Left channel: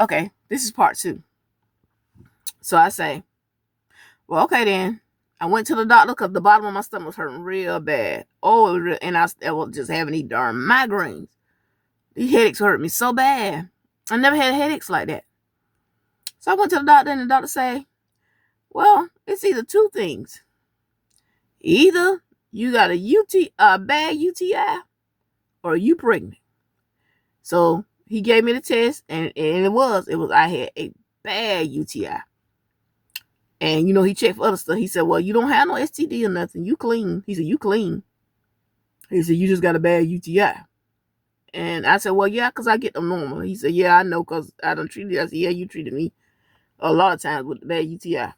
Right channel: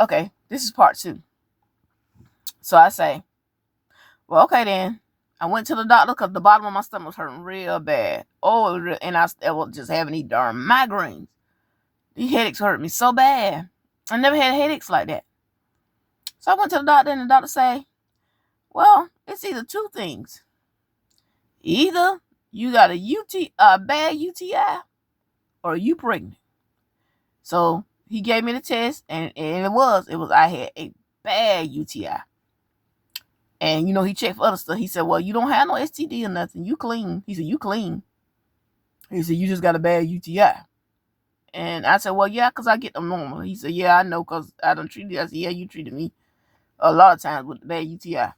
Okay, this is part 2. So I say, well, okay then. I went to the doctor because the bottom of my stomach was hurting real bad. Oh, and I was just having these darn migraines. These headaches hurt me so bad. I never had headaches like that. So I went to the doctor, and the doctor say, well, it's either 2 things. Either you got a bad UTI, or you pregnant. So he gave me the test, and it was I had a bad UTI. And, he checked for other stuff. He said, well, you don't have no STD or nothing. You clean. He said, you clean. He said, you just got a bad UTI. And I said, well, yeah, because I get them normal. He said, yeah, I know because I done treated you. I said, yeah, you treated me a lot of times with the bad UTI.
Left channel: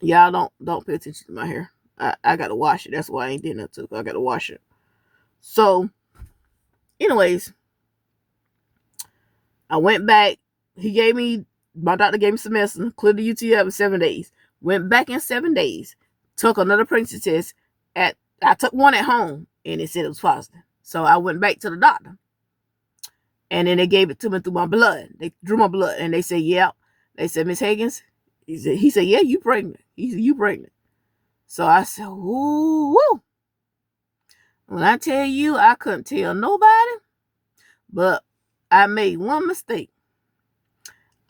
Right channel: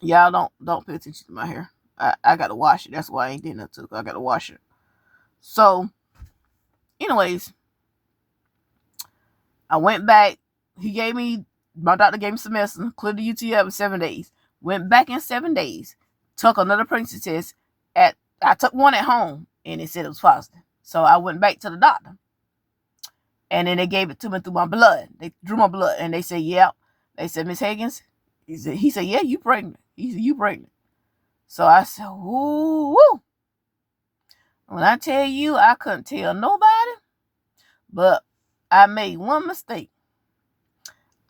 Y'all don't pay attention to my hair. I got to wash it. That's why I ain't did nothing. I got to wash it. So, anyways, I went back. My doctor gave me some medicine, cleared the UTI in 7 days. Went back in 7 days, took another pregnancy test. I took one at home, and it said it was positive. So I went back to the doctor, and then they gave it to me through my blood. They drew my blood, and they said, yeah. They said, Miss Higgins, he said, yeah, you pregnant. He said, you pregnant. So I said, woo. When I tell you, I couldn't tell nobody, but I made one mistake.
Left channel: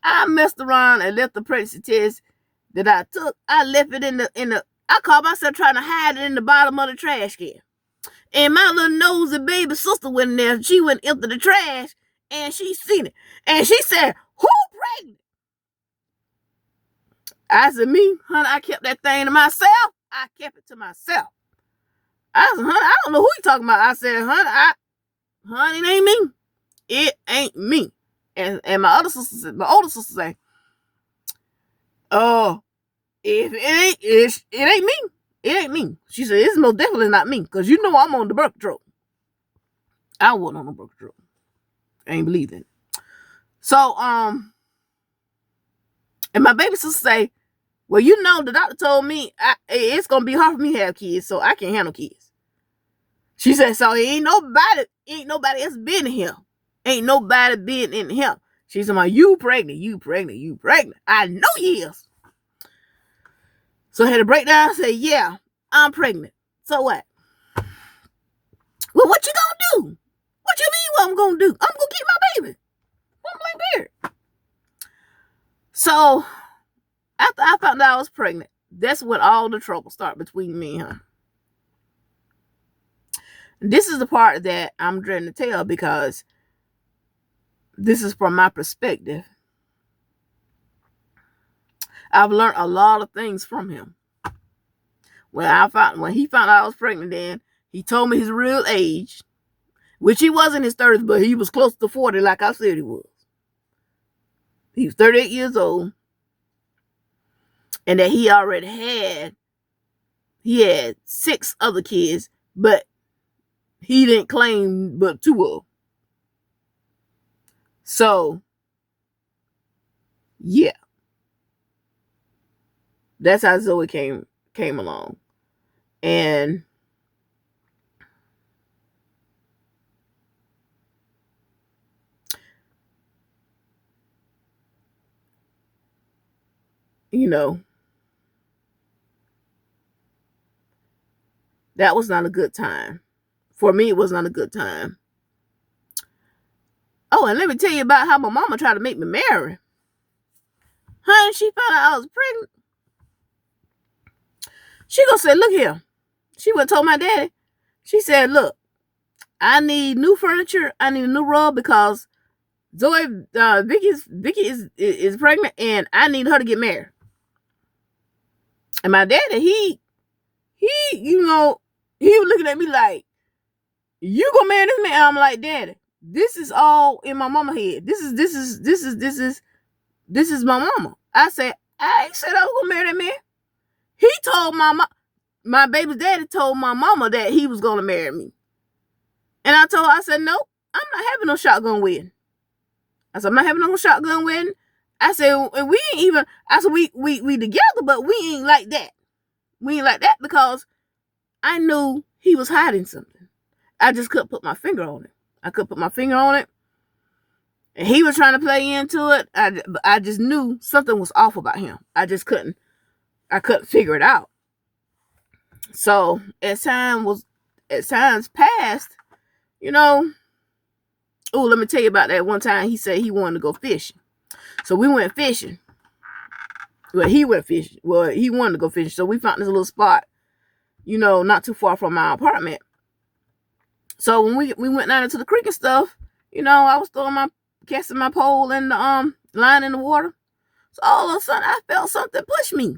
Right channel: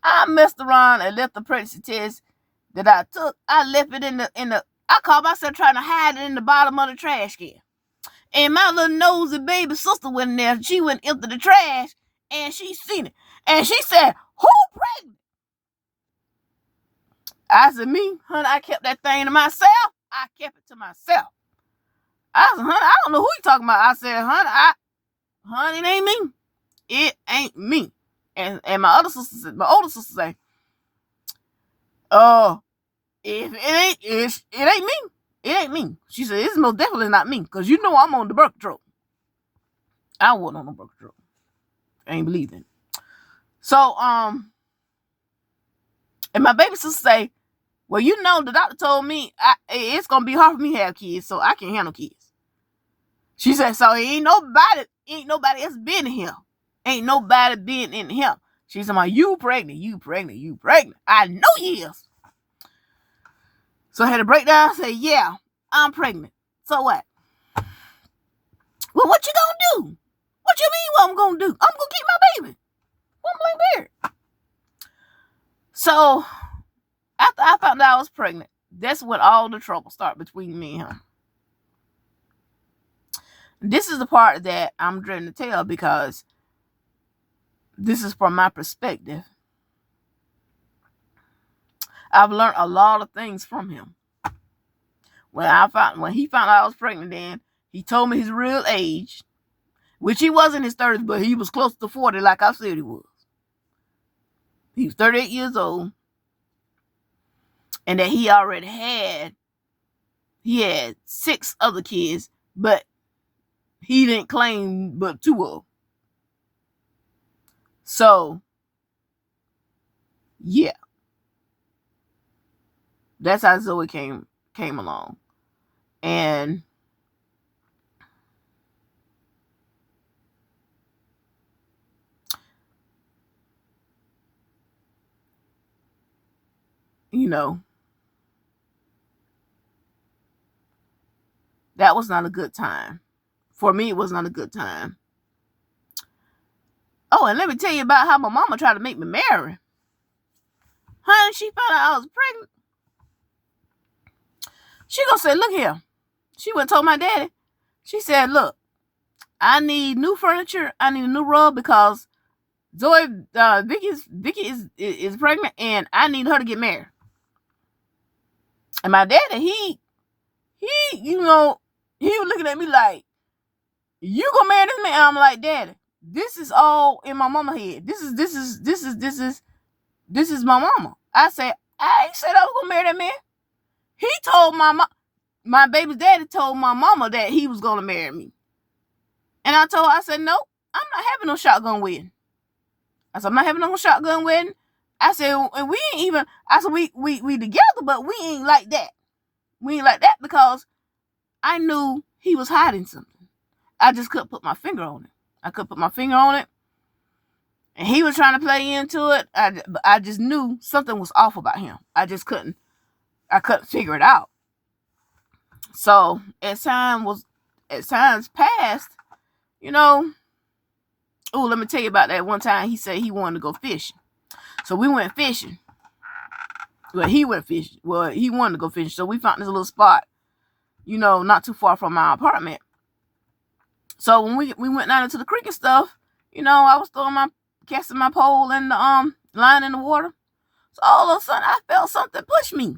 I messed around and left the pregnancy test that I took. I left it in the. I caught myself trying to hide it in the bottom of the trash can. And my little nosy baby sister went in there. She went into the trash, and she seen it. And she said, who pregnant? I said, me, honey, I kept that thing to myself. I kept it to myself. I said, honey, I don't know who you talking about. I said, honey, it ain't me. It ain't me. And my older sister say, oh, if it ain't me. It ain't me. She said, it's most definitely not me, because I'm on the birth control. I wasn't on the birth control. I ain't believe it. So, and my baby sister say, well, the doctor told me it's going to be hard for me to have kids, so I can't handle kids. She said, so ain't nobody else been here. Ain't nobody been in here. She said, you pregnant. I know you is. So I had to break down and say, yeah, I'm pregnant. So what? Well, what you gonna do? What you mean what I'm gonna do? I'm gonna keep my baby. I'm like there. So after I found out I was pregnant, that's when all the trouble started between me and her. This is the part that I'm dreading to tell, because this is from my perspective. I've learned a lot of things from him. When he found out I was pregnant, then he told me his real age, which he was in his 30s, but he was close to 40, like I said he was. He was 38 years old, and that he already had 6 other kids, but he didn't claim but 2 of them. So, yeah, that's how Zoe came along. And that was not a good time. For me, it was not a good time. Oh, and let me tell you about how my mama tried to make me marry. Honey, she found out I was pregnant. She gonna say, look here. She went and told my daddy. She said, look, I need new furniture. I need a new rug, because Vicky is pregnant, and I need her to get married. And my daddy, he was looking at me like, you gonna marry this man? I'm like, Daddy, this is all in my mama head. This is my mama. I said, I ain't said I was gonna marry that man. He told my baby's daddy told my mama that he was gonna marry me. And I said, no, I'm not having no shotgun wedding. I said, I'm not having no shotgun wedding. I said, we ain't even, we together, but we ain't like that. We ain't like that, because I knew he was hiding something. I just couldn't put my finger on it. And he was trying to play into it. I just knew something was off about him. I couldn't figure it out. So as times passed, let me tell you about that one time he said he wanted to go fishing. So we went fishing. Well, he went fishing. Well, he wanted to go fishing. So we found this little spot, not too far from my apartment. So when we went down into the creek and stuff, I was casting my pole and the line in the water. So all of a sudden I felt something push me.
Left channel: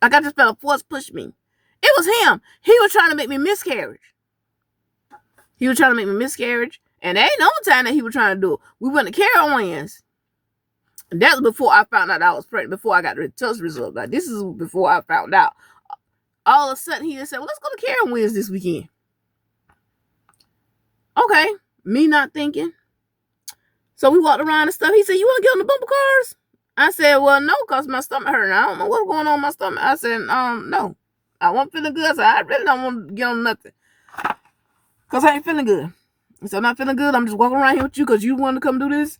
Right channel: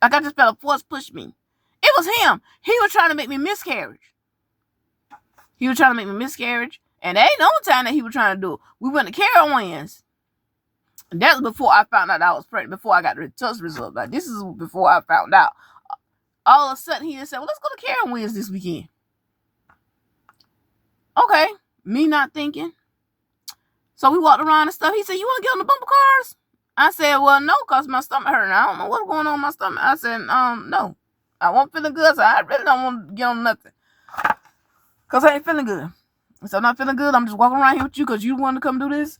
Like I just felt a force push me. It was him. He was trying to make me miscarriage. And there ain't no time that he was trying to do it. We went to Carowinds. And that was before I found out I was pregnant, before I got the test result. Like, this is before I found out. All of a sudden, he just said, well, let's go to Carowinds this weekend. Okay. Me not thinking. So we walked around and stuff. He said, you want to get on the bumper cars? I said, well, no, because my stomach hurting. I don't know what's going on with my stomach. I said, no. I wasn't feeling good, so I really don't want to get on nothing. Because I ain't feeling good. So I'm not feeling good. I'm just walking around here with you because you wanted to come do this.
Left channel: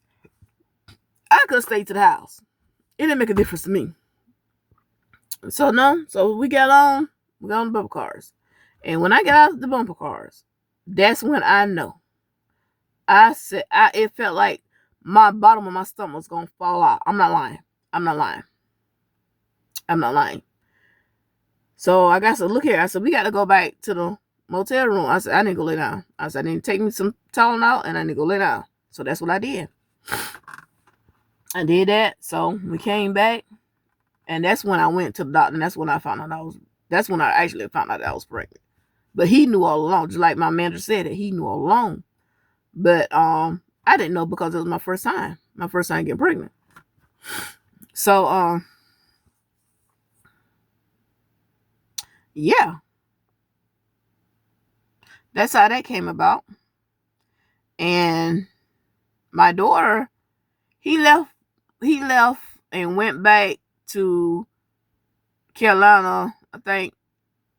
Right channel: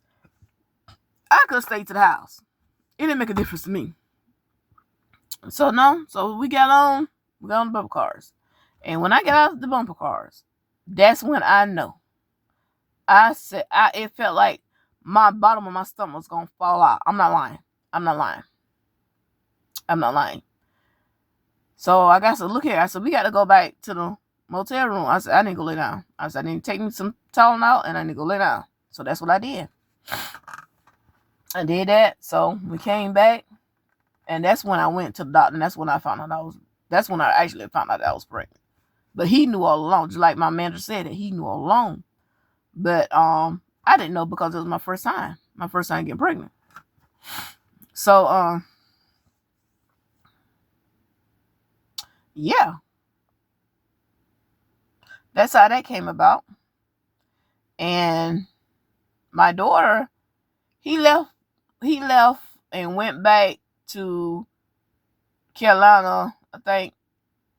I could stay to the house. It didn't make a difference to me. So no. So we got on the bumper cars. And when I got out of the bumper cars, that's when I know. It felt like my bottom of my stomach was going to fall out. I'm not lying. So I got to look here. I said, we got to go back to the motel room. I said, I need to go lay down. I said, I need to take me some Tylenol and I need to go lay down. So that's what I did. I did that. So we came back. And that's when I went to the doctor. And that's when I found out that's when I actually found out that I was pregnant. But he knew all along. Just like my manager said it. He knew all along. But I didn't know because it was my first time. My first time getting pregnant. So yeah. That's how that came about. And my daughter, he left and went back to Carolina, I think,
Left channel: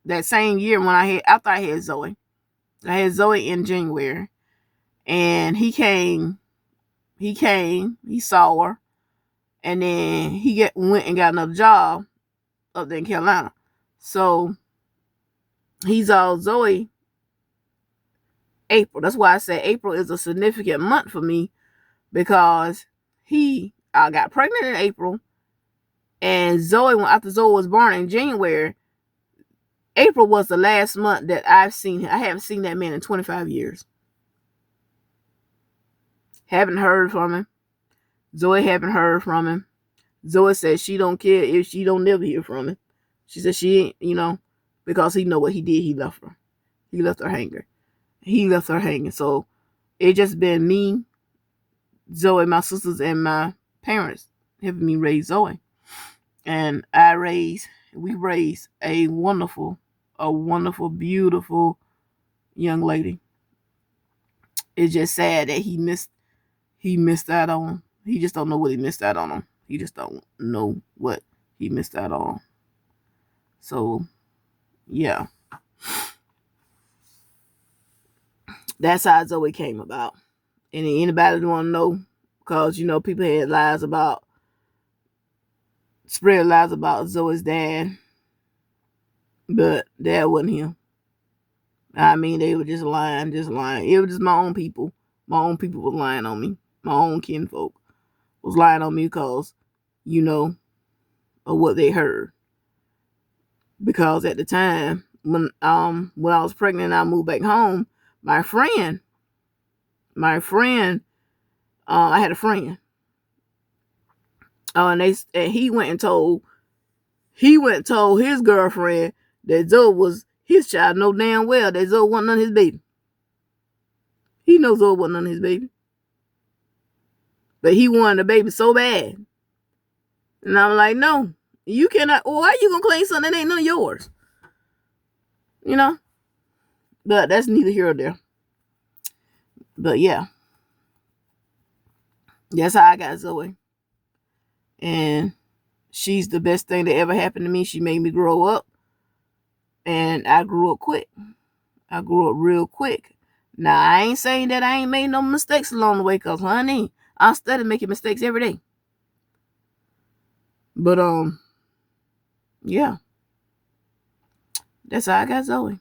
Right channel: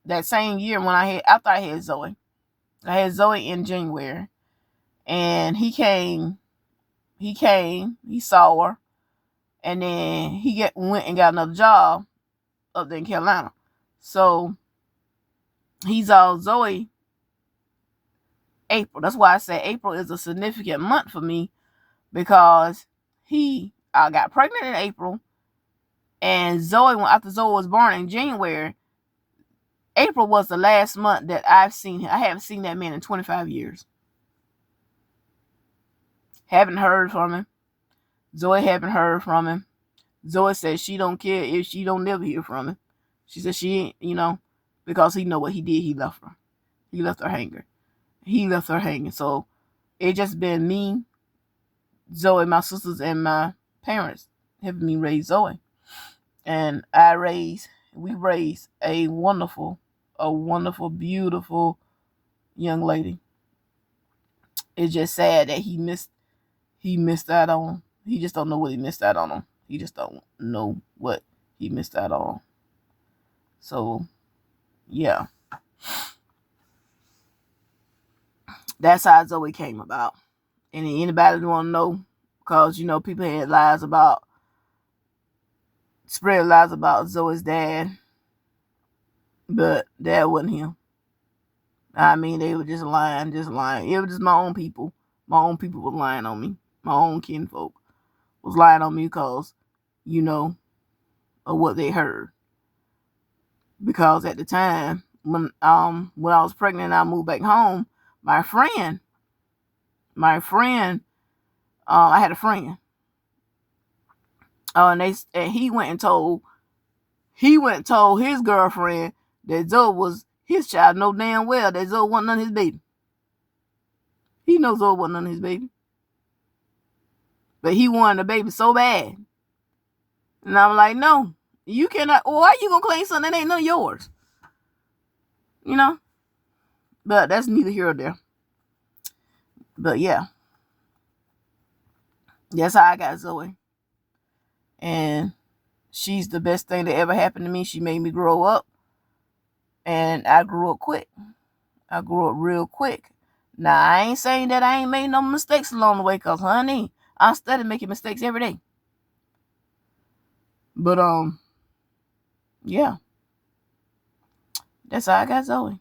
that same year after I had Zoe. I had Zoe in January. And he came, he saw her, and then he went and got another job up there in Carolina. So he saw Zoe April. That's why I say April is a significant month for me, because I got pregnant in April, and after Zoe was born in January, April was the last month that I've seen him. I haven't seen that man in 25 years. Haven't heard from him. Zoe haven't heard from him. Zoe said she don't care if she don't never hear from him. She said she ain't, because he know what he did. He left her. He left her hanging. So it just been me, Zoe, my sisters, and my parents helping me raise Zoe. And we raised a wonderful, beautiful young lady. It's just sad that he missed out on. He just don't know what he missed out on. He just don't know what he missed out on. So, yeah. That's how Zoe came about. And anybody want to know, because, people had spread lies about Zoe's dad. But that wasn't him. I mean, they were just lying. It was just my own people. My own people was lying on me. My own kinfolk was lying on me because, of what they heard. Because at the time, when I was pregnant and I moved back home, my friend, I had a friend. And he went and told his girlfriend that Zoe was his child. Know damn well that Zoe wasn't none of his baby. He knows Zoe wasn't none of his baby. But he wanted a baby so bad. And I'm like, no, you cannot. Why are you going to claim something that ain't none of yours? But that's neither here or there. But yeah. That's how I got Zoe. And she's the best thing that ever happened to me. She made me grow up. And I grew up quick. I grew up real quick. Now, I ain't saying that I ain't made no mistakes along the way, because, honey, I study making mistakes every day. But, yeah. That's how I got Zoe.